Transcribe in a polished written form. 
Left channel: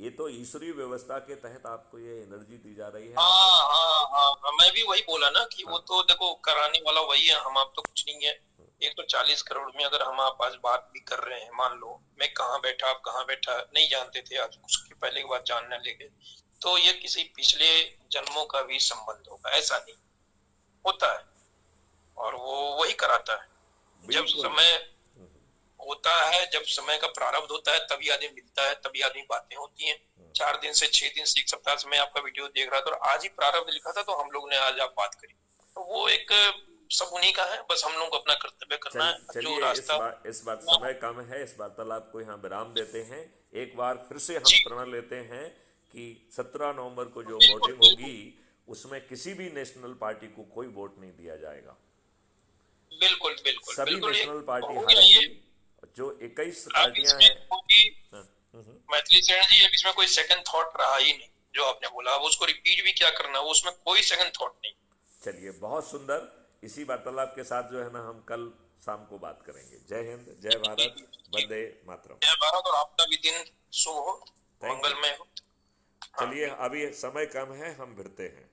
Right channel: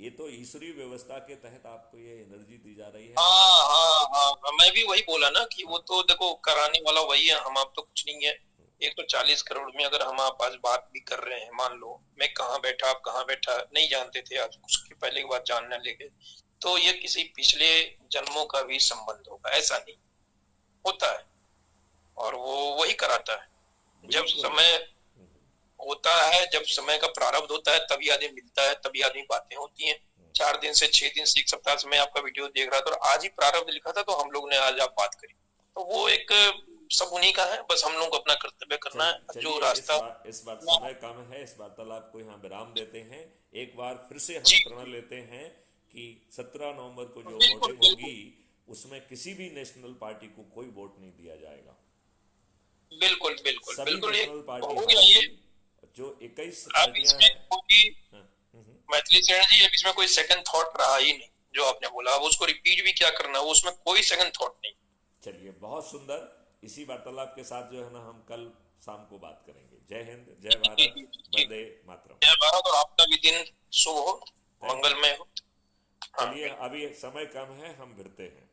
ये तो ईश्वरीय व्यवस्था के तहत आपको ये एनर्जी दी जा रही है आपको। हाँ हाँ हाँ हाँ, मैं भी वही बोला ना कि वो हाँ। तो देखो कराने वाला वही है, हम आप तो कुछ नहीं है। 140 करोड़ में अगर हम आप आज बात भी कर रहे हैं, मान लो मैं कहाँ बैठा आप कहाँ बैठा नहीं जानते थे, आज उसके पहले की बात जानने लगे, तो ये किसी पिछले जन्मों का भी संबंध होगा, ऐसा नहीं होता है। और वो वही कराता है जब बिल्कुल। समय होता है, जब समय का प्रारब्ध होता है तभी आदमी मिलता है, तभी आदमी बातें होती हैं। 4 दिन से 6 दिन से 1 सप्ताह से मैं आपका वीडियो देख रहा था और आज ही प्रारब्ध लिखा था, तो हम लोग ने आज आप बात करी। तो वो एक सब उन्हीं का है, बस हम लोग को अपना कर्तव्य करना है जो चलिए रास्ता। इस बार समय कम है, इस वार्तालाप को यहाँ विराम देते हैं। एक बार फिर से हम जी प्रण लेते हैं कि 17 नवंबर को जो बिल्कुल वोटिंग बिल्कुल होगी उसमें किसी भी नेशनल पार्टी को कोई वोट नहीं दिया जाएगा। बिल्कुल बिल्कुल सभी बिल्कुल, नेशनल पार्टी हो गया हारेंगी। ये। जो 21 अब पार्टियां इसमें हैं। कोई हाँ, मैथिली सेन जी, अब इसमें कोई सेकंड थॉट रहा ही नहीं। जो आपने बोला अब उसको रिपीट भी क्या करना, वो उसमें कोई सेकंड थॉट नहीं। चलिए बहुत सुंदर। इसी वार्तालाप के साथ जो है ना हम कल शाम को बात करेंगे। जय हिंद, जय जी भारत, जी जी। वंदे मातरम। जय भारत, और आपका भी दिन शुभ हो, थैंक यू। मंगलमय हो। हाँ चलिए बिल्कुल। अभी समय कम है, हम भिड़ते हैं।